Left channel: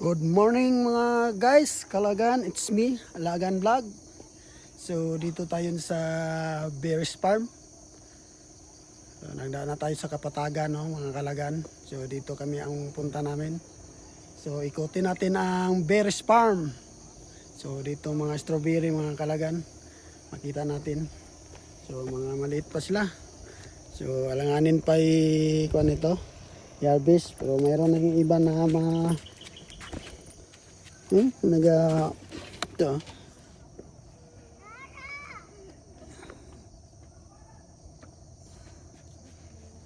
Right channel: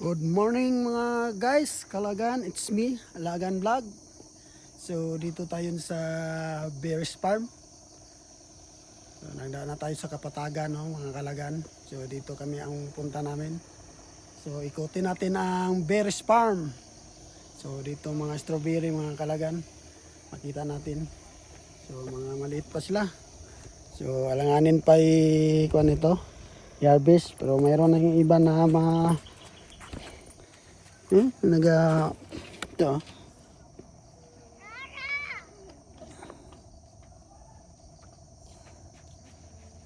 Good morning mga guys, Kalagan, it's me, Alagan Vlog. So dito tayo sa Bears Farm. So nagdaan na tayo sa Kapatagan, no, mga Kalagan. So dito kami ang punta namin. So ikutin natin ang Bears Farm. So dito mga strawberry mga Kalagan, makita natin. So mga maliit pa sila. So alanganin pa kuan ito, i-harvest, pero mayroon na yung iba na mga ito.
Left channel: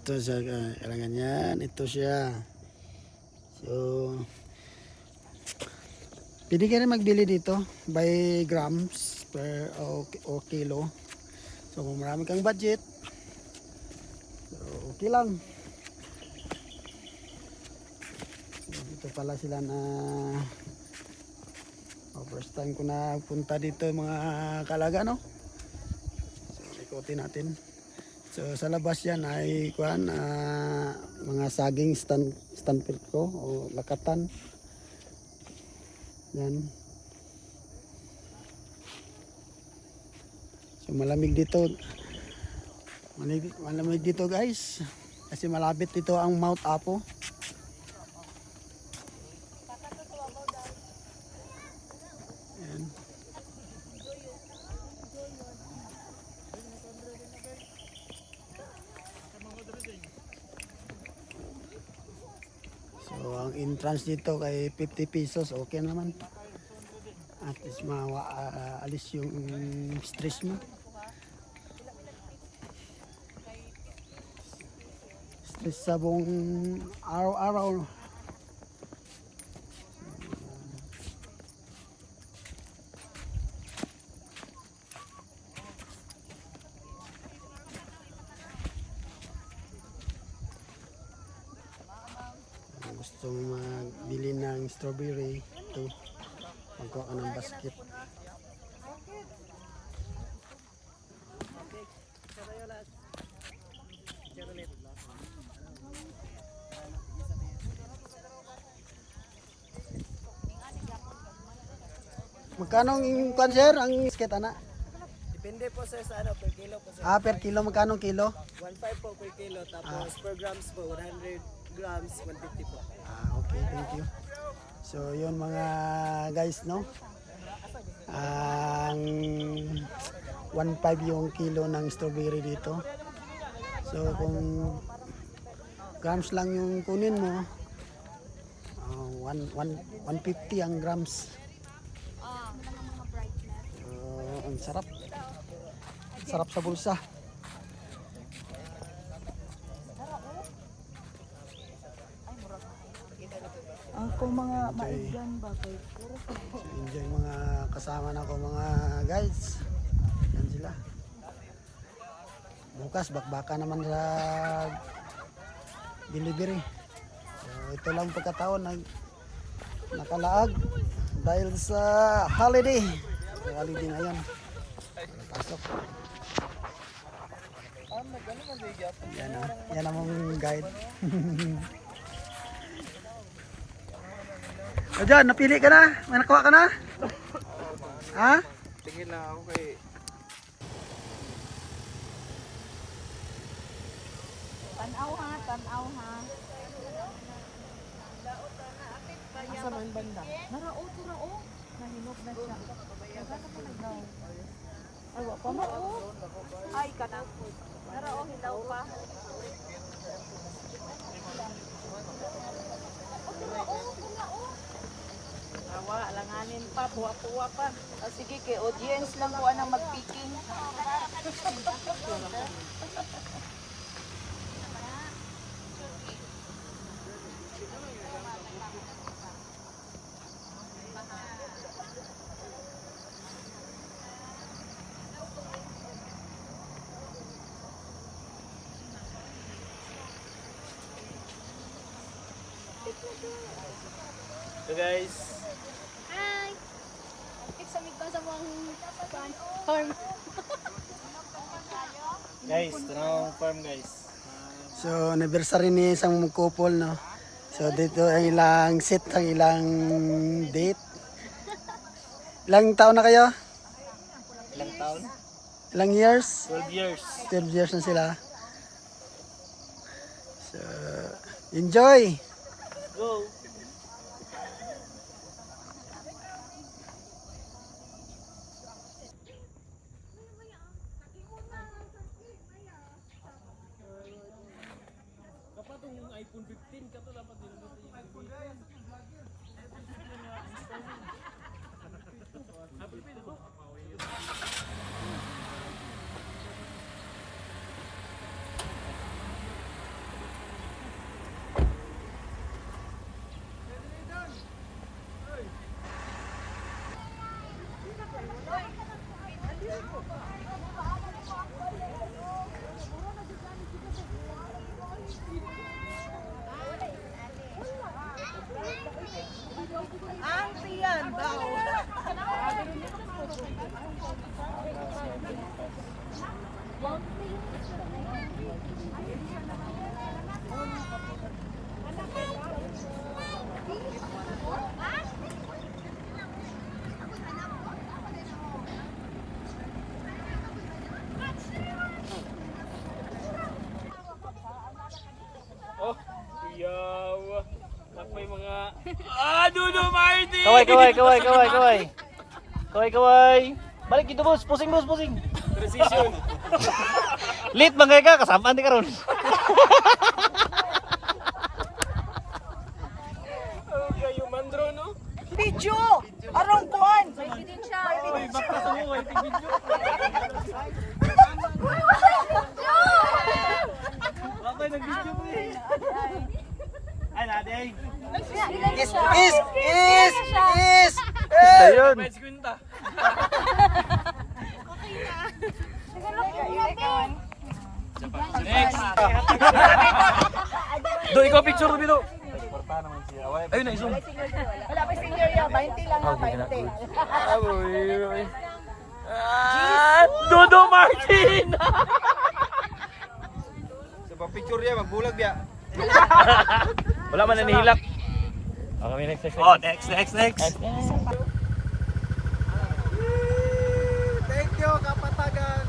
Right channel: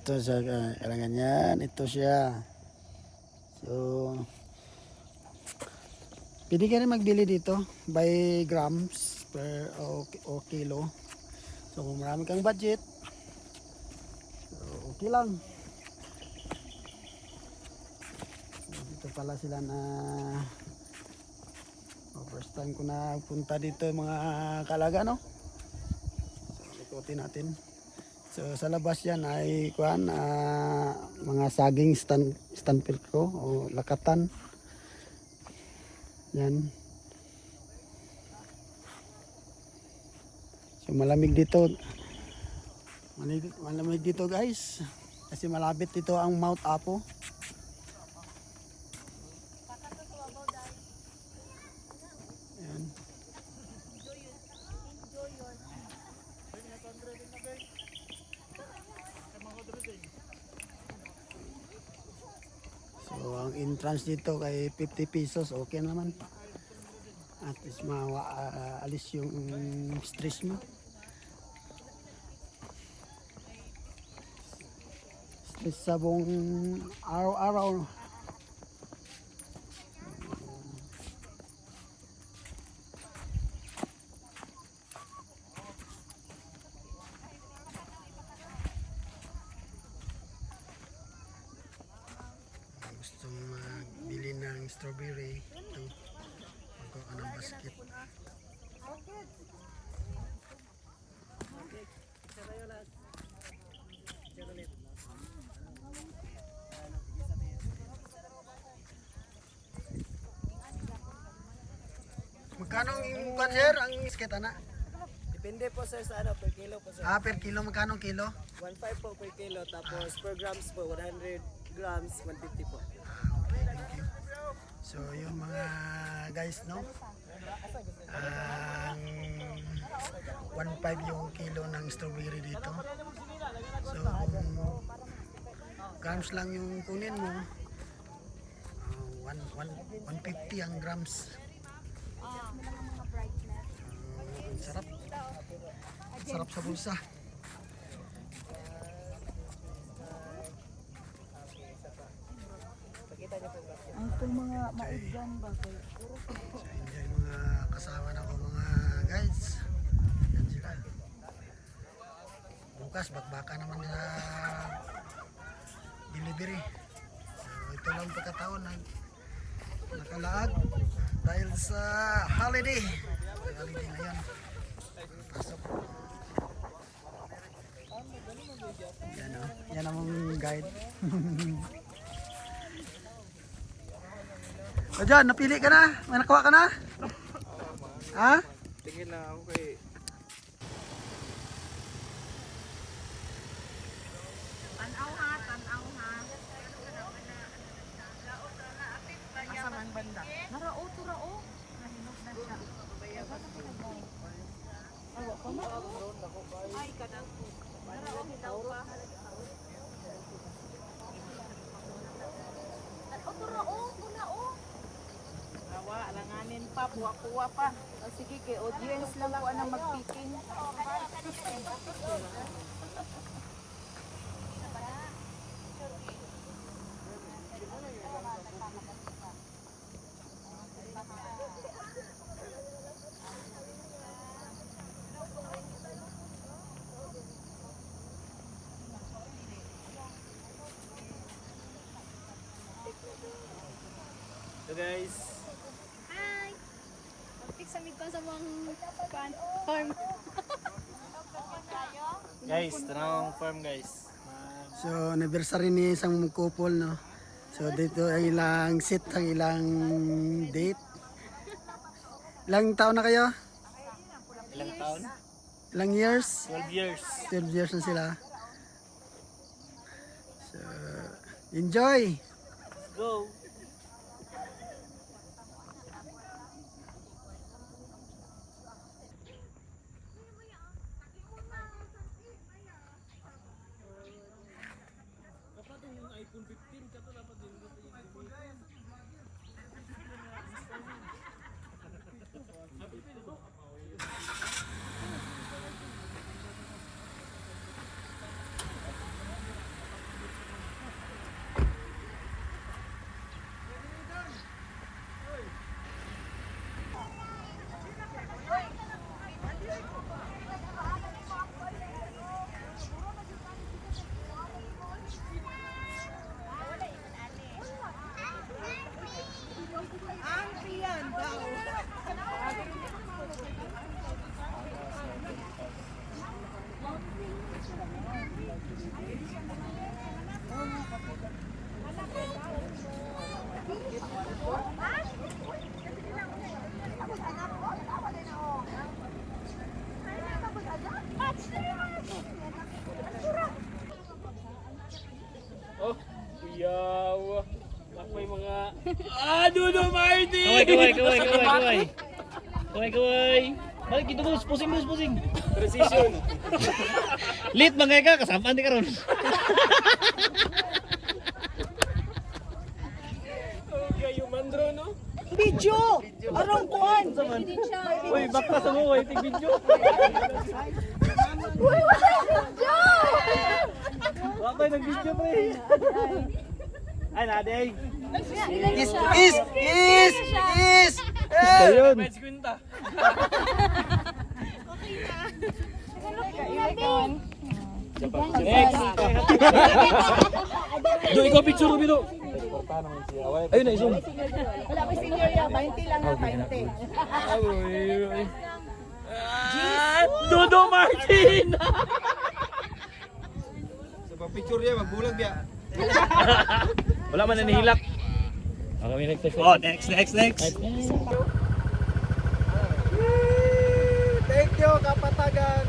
Ito siya, kailangan yan. Ito siya. So, pwede ka rin magbili dito by grams per o kilo. So, kung marami kang budget, so, okay lang. So, dito pala sila na first time ko na punta dito mga Kalaga, no? So ikutin natin. So sa labas yan ay kuan, mga saging stand ko o lakatan. Yan. So malamig dito. Malamig dito guys. Kasi malapit dito ang Mount Apo. So ang entrance dito kay 50 pesos, okay naman. At least alis yung stress mo. Stress sa buong araw-araw. Gustong magbili ng strawberry, ito magkuha ka ng basket. Magkano ang panser ang basket anak? Depende po sir sa ano, per kilo po sir. Per kilo, magkano kilo? 1.5 po per kilo, tapos per grams po, 100 grams, 150 po. Okay, thank you. So yun mga guys, no, ang 1.5 yung kilo ng strawberry dito. So kung grams lang yung kunin mo, 150 ang grams. So ang sarap sa bulsa. Ang kung mga maigyan ba kayo? Enjoy mga kasama na ko mga guys. Yan sila. Bukas bakbaka naman sa delivery. So ito lang pagkataon na nakalaag dahil sa holiday. Holiday ngayon. Pasok. Yan ang guide. O dyan, napili ka na? May nakuha ka na? Ha? Tingin lang ako kay... Tanaw ha. Asa man banda? Narao. Mahinog na siya. Narao. Ay, kanang. Narao, hilaw pa. Awa, alanganin pa, puwa-puwa pa. Sige, kay audience lang po ang mag-picking. So guys, Hi! Pagtik sa ko sa mga farm. tanong farm guys. So anniversary ni isang couple, no? So dito ang ilang set, ang ilang date. Ilang taon na kayo? Ilang taon? Ilang years? 12 years. 12 years na sila. So, enjoy! Go! Ang tiyan daw. Yaw. Ako'y mga... Dudo Marty! Kaway. Balik dito boss, pusing. Precision. Lit bangay ka, kasamaan di karon. Kayo mandro, no? Video! Arong kuan! Uy, baka sa mo, tig video. Bakit nag-video pa eh? Ay, naday. Is! Ayun. Medj kwenta. Next. Do, ikaw picture dito. Ayun na, isun. Wala pa senior ya, 20 lang ha, 20. Dodo Martin! Picture niya, magbulag niya. Wala man nanihilak. Oh, next. Thank you, Kapatagan.